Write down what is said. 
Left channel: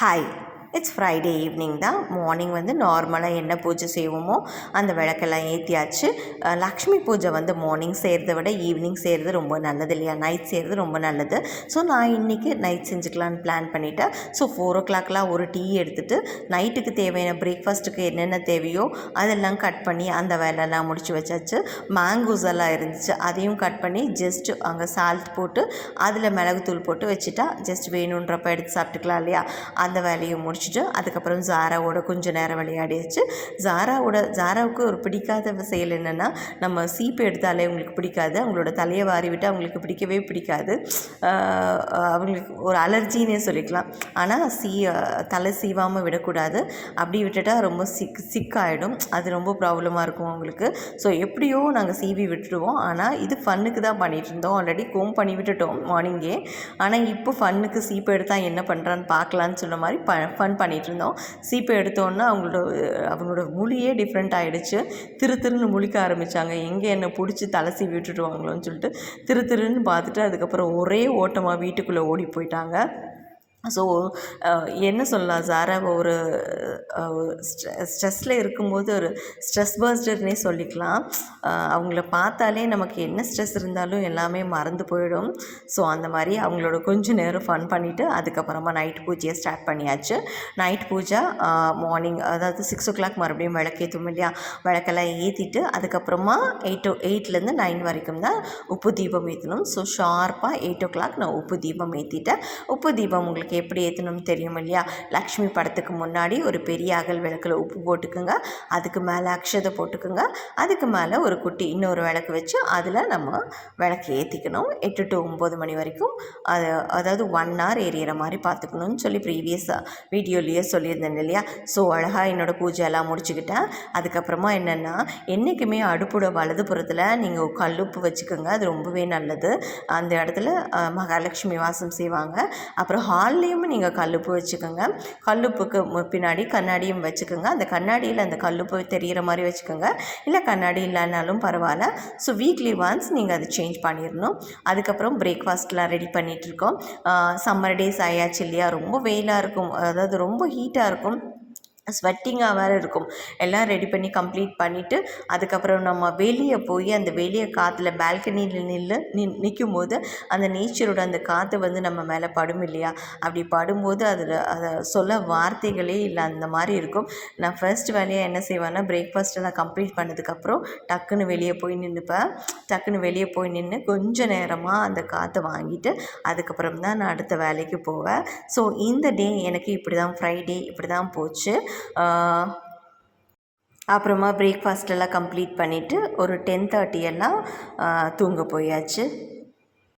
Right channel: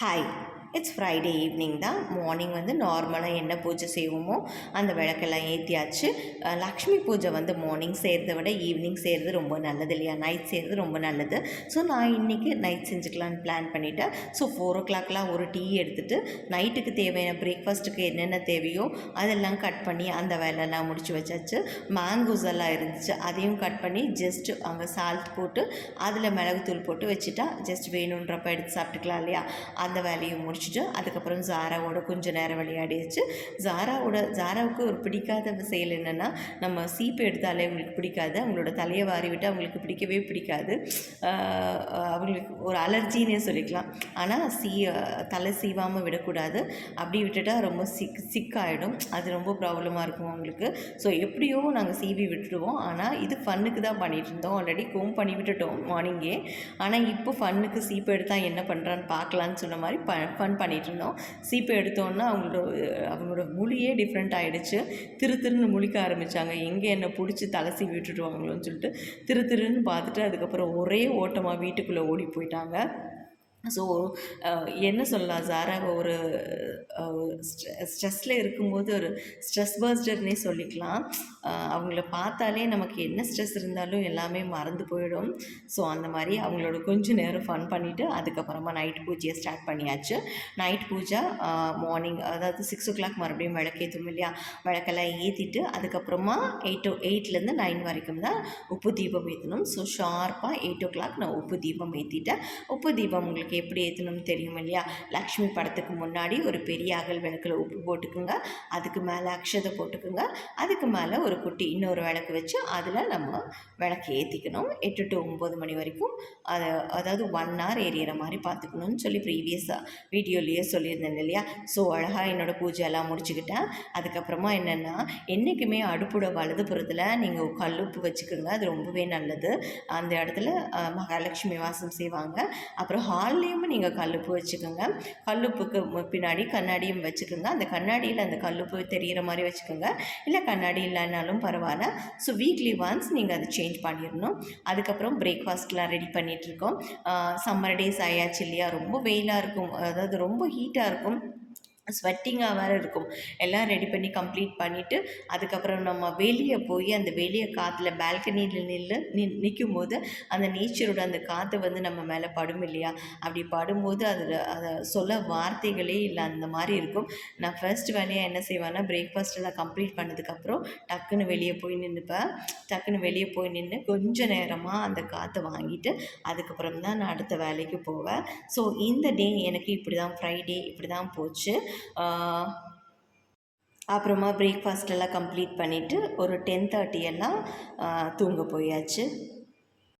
Hi, it's Friday evening தான். Morning வந்து நார்மலாக என்ன பூஜை செய்வோமோ அந்த விளக்கெல்லாம் ஏற்றியாச்சு. லக்ஷ்மி பூஜை வந்து மார்னிங் செய்கிறத விட ஈவினிங் செய்கிறது ரொம்ப நல்லது இல்லையா, நைட் செய்கிறது ரொம்ப நல்லது. ஸோ நான் இன்றைக்கி நைட் செஞ்சுக்கலான்னு பிளான் பண்ணிவிட்டேன். ஸோ 4 o'clock ஒரு டீ எடுத்துகிட்டு நைட்டுக்கு தேவையான பிரேக்ஃபாஸ்ட்டுக்கு என்னென்ன தேவையோ அதெல்லாம் கட் பண்ணி அந்த வேலையெல்லாம் முடிச்சு வச்சாச்சு. மேங்கோஸ் எல்லாம் இருந்துச்சு, அதையும் கட் பண்ணி ஜஸ்ட் அங்கே சால்ட் போட்டு அதில் மிளகுத்தூள் போட்டு வச்சுட்டா ஜஸ்ட் வேணுன்றப்ப எடுத்து சாப்பிட்டுக்கலாம் இல்லையா. அந்த வேலையை முடிச்சுட்டு அதுக்கப்புறம் ஜாராவோட கொஞ்சம் நேரம் விளையாடிச்சு. ஜாராவுக்கு ஒரு பிடிக்காத செயல் என்னென்னா, நம்ம சீப்பு எடுத்தாலே அவங்களுக்கு பிடிக்காது, அவங்களோட தலையை வாரி விட்டு அவங்களுக்கு பிடிக்கவே பிடிக்காது. அவங்களுக்கு ஒரு அலர்ஜின்னே சொல்லிக்கலாம். ஆனால் தலை சீவாமல் விடக்கூடாது, அப்படி விட்டுட்டால் ரொம்ப சிக்காயிடும், அது ரொம்ப ப்ராப்ளமாக இருக்கும் அவங்களுக்கு. ஸோ எப்படியோ நாங்கள் சீவி விட்டுடுவோம். ஆனால் இது ஃபன்னுக்கு தான் பண்ணிகிட்டு இருந்தோம். ஆல்ரெடி கோம் பண்ணி விட்டுட்டோம் மார்னிங்கே. ஆனால் இப்போ ஃபன்னுக்கு சீப்பு எடுத்தால் என்ன பண்ணுறான்னு பார்க்கலான்னு சொன்ன மாதிரி ஃபன் பண்ணிகிட்டு இருந்தோம். சீப்பை எடுத்தோன்னா அவங்களோட மொழியே டிஃப்ரெண்ட் ஆகிடுச்சு. திருன்னு முழிக்க ஆரம்பித்தாங்க. எங்கே என்னை பிடிச்சி தலை சீவி விட்டுடுவாங்களோன்னு சொல்லிட்டு திருன்னு பார்த்துட்டு அதுக்கப்புறம் ஒரே ஓட்டமாக வீட்டுக்குள்ளே ஓடி போயிட்டாங்க. ஸோ என்ன சொல்லலாம், ஜாராவை ஒரு ஸ்ட்ரெஸ்ஸில் இருக்கும்போது ஒரு ஸ்ட்ரெஸ் பர்ஸ்டர்னே சொல்லிக்கலாம். அவங்கள பார்த்தாலே நமக்கு என்ன ஸ்ட்ரெஸ் இருந்தாலும் எல்லாமே மறந்து போயிடும். ஸோ அந்த மாதிரி அவங்களோட கொஞ்சம் நேரம் ஃபன் பண்ணிவிட்டு அதுக்கப்புறமா நைட் பூஜையை ஸ்டார்ட் பண்ணியாச்சு. நைட் பூஜை மார்னிங், அதாவது 6 o'clock மறுபடியும் விளக்கேற்றும் இல்லையா, விளக்கெல்லாம் ஏற்றிட்டு அதுக்கப்புறமா 8 to 9 வரைக்கும் தான் உப்பு தீபம் ஏற்றணும். ஸோ ஷார்ப்பாக 8 o'clock நான் உப்பு தீபம் ஏற்றிட்டேன். உப்பு தீபம் உங்களுக்கு எப்படி ஏற்றணும்னு தெரியும் இல்லையா. லக்ஷ்மி படத்துக்கு முன்னாடி ஒரு பெரிய அகல் விளக்கில் உப்பு போட்டுக்குங்க, அதுக்கு மேலே அக்ஷதை போட்டுக்குங்க, அதுக்கு மேலே ஒரு குட்டி இன்னொரு விளக்கு வச்சு அதில் நம்ம விளக்கு ஏற்றிக்கணும். 8 to 9 மணி வரைக்கும் அதாவது 1 hour எரியிற மாதிரி பார்த்துக்கணும்னு சொல்லி ப்ரீவியஸாக வீடியோலேயே சொல்லியிருந்தேன் இல்லையா. ஸோ அழகாக என்னோடய பூஜையெல்லாம் முடிச்சுக்கிட்டேன். அதுக்கப்புறமா என்னென்னா, என்றைக்குமே அடுப்போட வலதுபுறத்தில் நீங்கள் கல்லுப்பு வச்சுக்கோங்க, அது ரொம்பவே நல்லது. அந்த இடத்துல மகாலட்சுமி வாசம் செய்வாங்க. அப்புறம் ஹால்லேயும் நீங்கள் கல்லுப்பு வச்சுக்கோங்க. கல்லுப்புக்கு பின்னாடி கண்ணாடியும் வச்சுக்கோங்க. அந்த கண்ணாடியில் அந்த கல்லுப்பு தெரிகிற மாதிரி வச்சுக்கோங்க, இல்லை கண்ணாடி இல்லைனாலும் பரவாயில்ல. ஸோ வீக்லி ஒன்ஸ் நீங்கள் அதை சேஞ்ச் பண்ணிடணும். அதுக்கப்புறம் பிரேக்ஃபாஸ்ட்லாம் ரெடி பண்ணிகிட்ருக்கோம். சம்மர் டேஸ் ஆயாச்சு இல்லையா, ரொம்ப வெயிலாக இருக்கும், அதாவது ரொம்ப ஹீட்டாக இருக்கும், ஸ்வெட்டிங்காக வேறு இருக்கும். எல்லாம் ரெடி பண்ணி கம்ப்ளீட் பண்ணிவிட்டு அதுக்கப்புறம் நம்ம வெளியே போய் அந்த வெளியே காற்றுல பால்கனியில் நிற்கும் போது அந்த நேச்சரோட அந்த காற்று வந்து நம்ம மேலே படும் இல்லையா. அப்படி படும்போது அதை சொல்ல வார்த்தைகளே இல்லை, அந்த மாதிரி இருக்கும். நான் ஃபர்ஸ்ட் வேலையாக என்ன செய்வேன்னா, பிரேக்ஃபாஸ்ட்டெல்லாம் கம்ப்ளீட் பண்ணதுக்கப்புறம் டக்குன்னு வெளியே போய் நின்றுப்பேன். டக்குன்னு வெளியே போய் நின்று கொஞ்சம் நேரமாக அந்த காற்றை வாங்கிட்டு அதுக்கப்புறம் தான் நான் அடுத்த வேலைக்கு போவேன். ஸோ இந்த டே எனக்கு இப்படி தான், ஃப்ரைடே இப்படி தான் போச்சு. அப்புறமா பிரேக்ஃபாஸ்ட் எல்லாம் கம்ப்ளீட் பண்ணிவிட்டு ஒரு 10:30 எல்லாம் தூங்க போயாச்சு.